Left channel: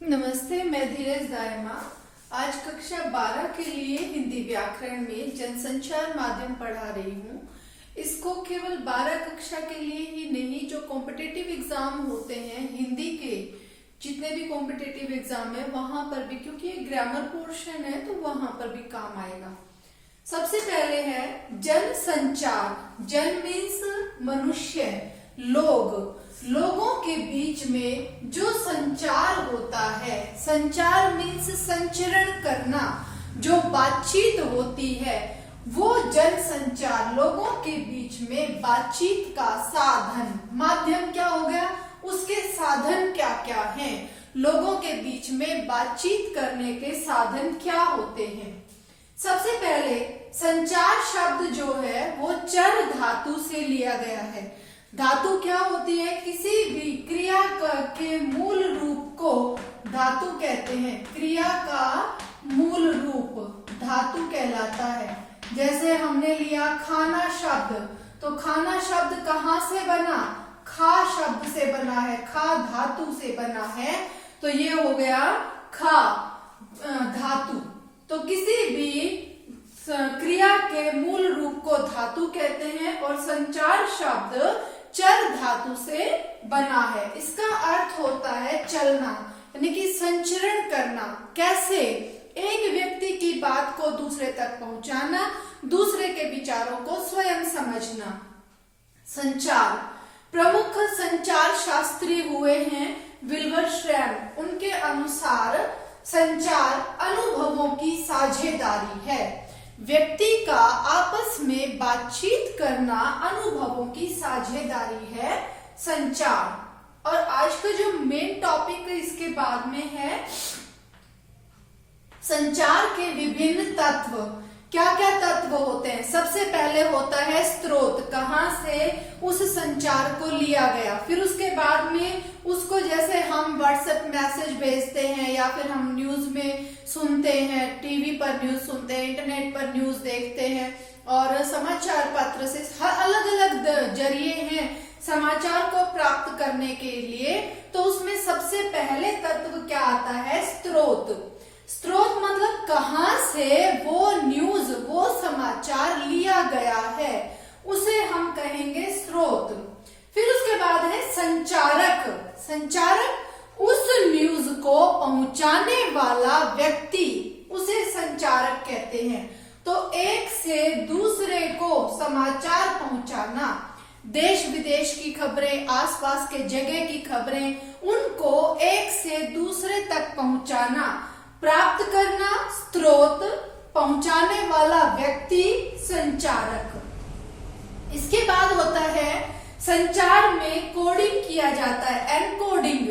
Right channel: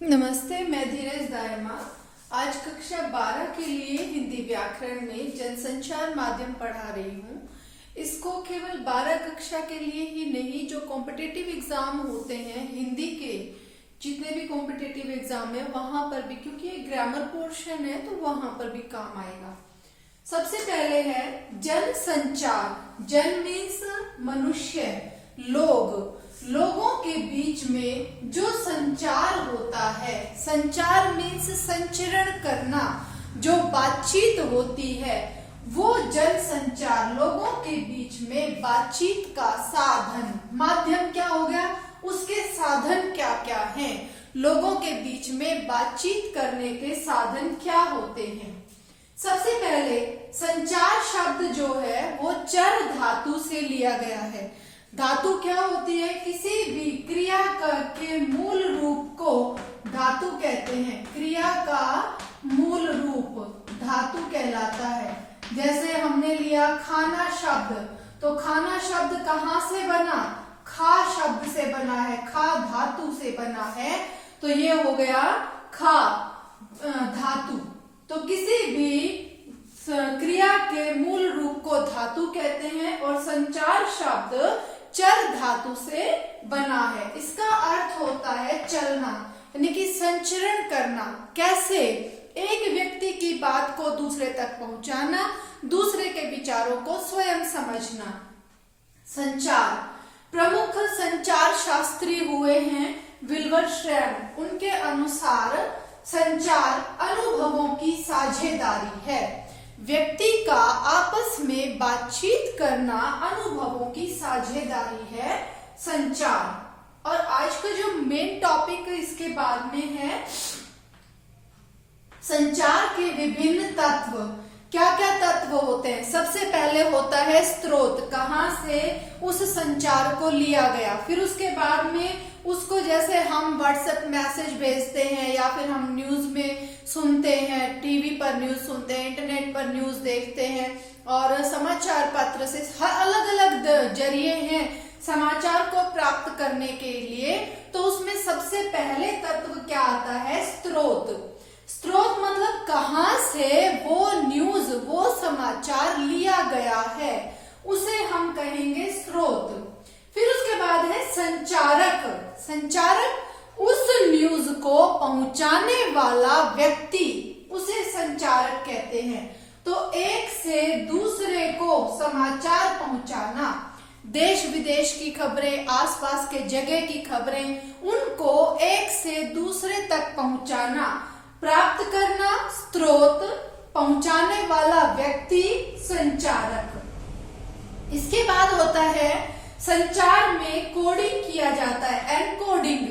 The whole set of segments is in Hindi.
नमस्ते, मैं धीरज दायमा। आज कक्षा 12 के लिए हिंदी व्याकरण में जनसंचार माध्यम पढ़ा रही हूँ। इसको केवल 12 कक्षा के लिए ही नहीं, जो कॉम्पिटिटिव एग्जाम होते हैं हिंदी के, जितने भी कॉम्पिटिटिव एग्जाम है वहां पर भी, क्योंकि ये ग्रामर पोर्शन है तो वहां पर भी काम आएगा। सबसे पहले है जनसंचार। जन मीन्स मनुष्य, लोग, लोगों के बीच में जो संचार होता है। संचार मीन्स संचरण करना, जो बातचीत होती है वो जनसंचार। लोगों के बीच में बातचीत का साधन, माध्यम क्या हो गया, उसके साधन क्या क्या हैं। लोगों के बीच में बातचीत करने के साधन क्या होते हैं। सबसे पहले संचार शब्द जो है वो चर धातु से लिया गया है। धातु क्या होती है, किसी भी क्रिया के मूल रूप को धातु कहते हैं। क्रिया का मूल रूप धातु कहलाता है। जैसे हमने लिया खाना शब्द, तो खाना शब्द कहाँ से बना, खा शब्द से बना है, खा धातु से बना है, तो ये हो गया खा धातु। तो किसी भी क्रिया के मूल रूप को धातु कहते हैं और संचार शब्द चर धातु से बना है। इसका अर्थ होता है चलना, यानी कि संचरण करना। कैसे, एक व्यक्ति की बात को दूसरे तक पहुंचाना, दूसरे के विचारों को स्वयं समझना। संचार प्रमुख संचार शास्त्री हुए हैं विल्बरश्रैम। उनके अनुसार संचार अनुभवों की साझेदारी है। व्यक्ति का आपस में बातचीत करना अनुभवों की साझेदारी है संचार। और आज का जो मेन टॉपिक इसके बाद में है संचार के विभिन्न तत्व। क्या क्या तत्व होते हैं। सबसे पहले होता है स्रोत, कहाँ से उस संचार को लिया गया। फिर उसके बाद में उसको, जैसे हम व्हाट्सएप मैसेज भेजते हैं या फिर हम न्यूज में सुनते हैं, टीवी पर न्यूज सुनते हैं, इंटरनेट पर न्यूज देखते हैं, और समाचार पत्र से हर अलग अलग जरिए हैं समाचार को प्राप्त करने के लिए। तो उसमें सबसे पहले तत्व क्या आता है, स्रोत। स्रोत मतलब कहाँ से वो न्यूज, वो समाचार लिया गया है, उसे हम कहेंगे स्रोत। फिर उसके बाद है संचारक। संचारक उस न्यूज को पहुंचाने वाला व्यक्ति, उसे संचारक कहते हैं। तो एक से दूसरे को समाचार पहुंचाना, देश विदेश की खबरें, आसपास के जगह की खबरें, उनको एक से दूसरे तक पहुंचाना। प्राप्त करना स्रोत, पहुंचाने वाला व्यक्ति संचारक। इसके बाद होता है संचार में कोडिंग किया जाता है, एनकोडिंग,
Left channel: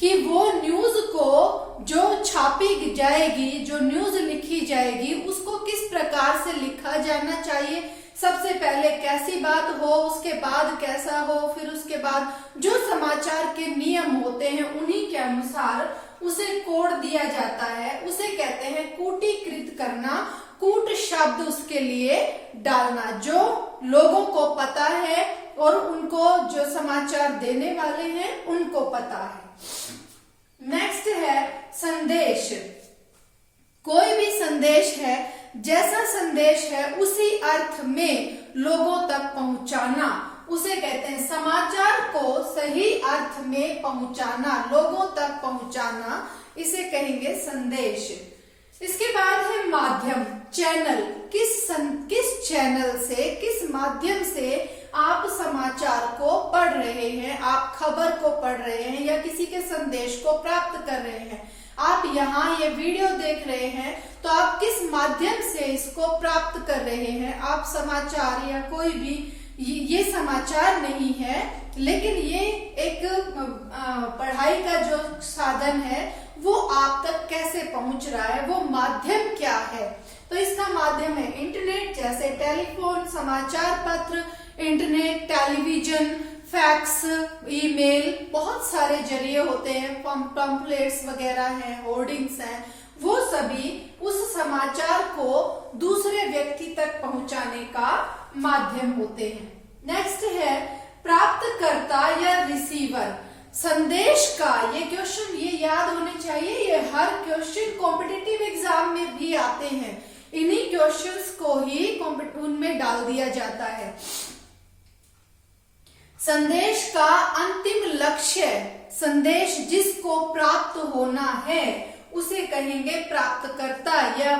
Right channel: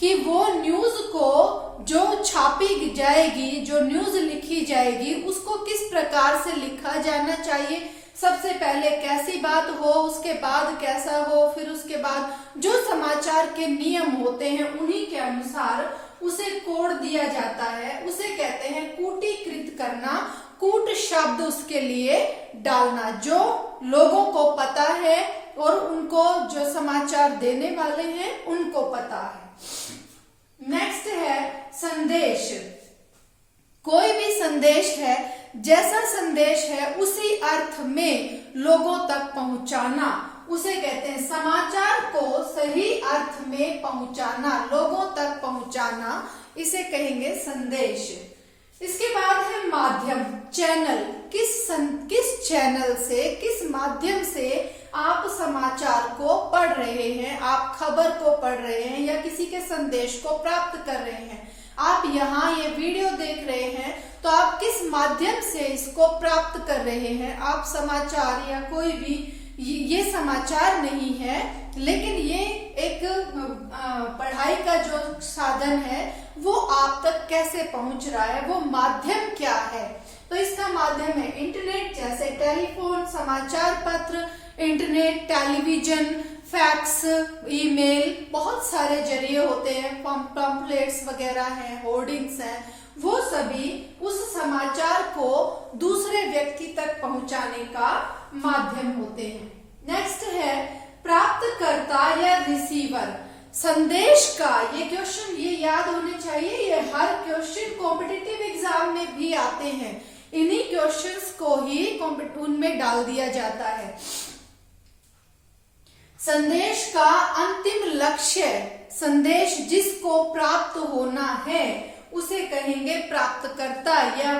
कि वो न्यूज को जो छापी जाएगी, जो न्यूज लिखी जाएगी, उसको किस प्रकार से लिखा जाना चाहिए। सबसे पहले कैसी बात हो, उसके बाद कैसा हो, फिर उसके बाद जो समाचार के नियम होते हैं उन्हीं के अनुसार उसे कोड दिया जाता है। उसे कहते हैं कूटीकृत करना। कूट शब्द उसके लिए डालना, जो लोगों को पता है और उनको, जो समाचार देने वाले हैं उनको पता है। नेक्स्ट है संदेश। कोई भी संदेश है, जैसा संदेश है उसी अर्थ में लोगों तक पहुंचाना, उसे कहते हैं समाचार को सही अर्थ में पहुंचाना, लोगों तक पहुंचाना, इसे कहेंगे संदेश। इसके बाद है माध्यम, चैनल। किस चैनल से, किस माध्यम से आप समाचार को पढ़ रहे हैं, आप खबर को पढ़ रहे हैं या किसी के संदेश को प्राप्त कर रहे हैं। आप यहाँ ये वीडियो देख रहे हैं तो आप किस माध्यम से इसको प्राप्त कर रहे हैं। आप समाचार या कोई भी, ये समाचार नहीं है, लेकिन ये एक पढ़ाई का जो साधन है वो आप तक कैसे पहुंच रहा है, वो माध्यम क्या है। तो इसका माध्यम है इंटरनेट, जैसे टेलीफोन, समाचार पत्र, इंटरनेट, टेलीविजन, फैक्स, ईमेल, बहुत सारे जरिए होते हैं, पंपलेट्स वगैरह हैं, होर्डिंग्स हैं, वो सभी उस समाचार को दूसरे व्यक्ति तक पहुंचाने का माध्यम होते हैं। नेक्स्ट है प्राप्तकर्ता या रिसीवर। संदेश का ये क्वेश्चन ये याद होने चाहिए, ये हर क्वेश्चन कॉम्पिटिटिव एग्जाम में भी आते हैं। इन्हीं क्वेश्चंस को ही उनमें डाल दिया जाता है। संदेश का अंतिम लक्ष्य, संदेश जिसको प्राप्त होना है उसे कहेंगे प्राप्तकर्ता या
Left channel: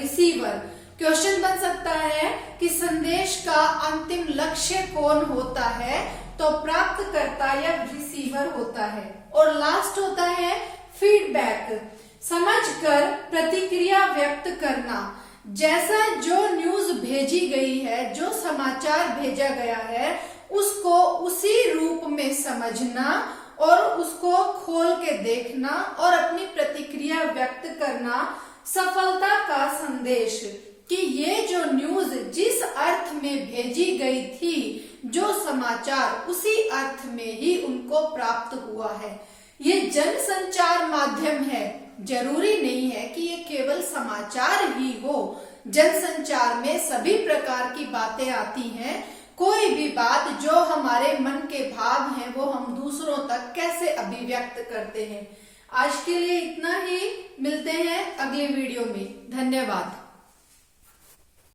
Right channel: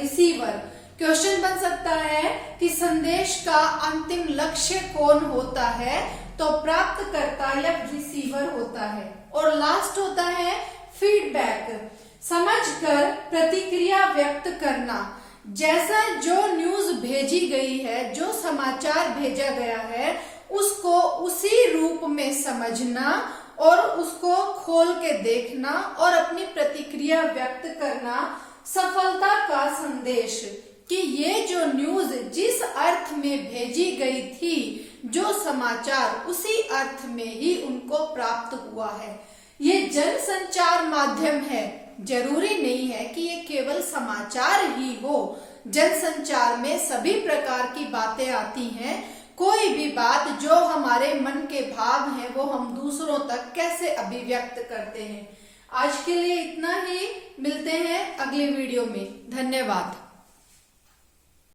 रिसीवर। क्वेश्चन बन सकता है कि संदेश का अंतिम लक्ष्य कौन होता है, तो प्राप्तकर्ता या रिसीवर होता है। और लास्ट होता है फीडबैक, समझकर प्रतिक्रिया व्यक्त करना। जैसा जो न्यूज भेजी गई है, जो समाचार भेजा गया है, उसको उसी रूप में समझना और उसको खोल के देखना और अपनी प्रतिक्रिया व्यक्त करना सफलता का संदेश, कि ये जो न्यूज जिस अर्थ में भेजी गई थी, जो समाचार उसी अर्थ में ही उनको प्राप्त हुआ है। ये जन संचार माध्यम है, जरूरी नहीं है कि ये केवल समाचार ही हो। जन संचार में सभी प्रकार की बातें आती हैं। कोई भी बात जो हमारे मन के भाव हैं वो हम दूसरों तक कैसे अभिव्यक्त करते हैं। आज के लिए इतना ही, मिलते हैं अगले वीडियो में। धन्यवाद।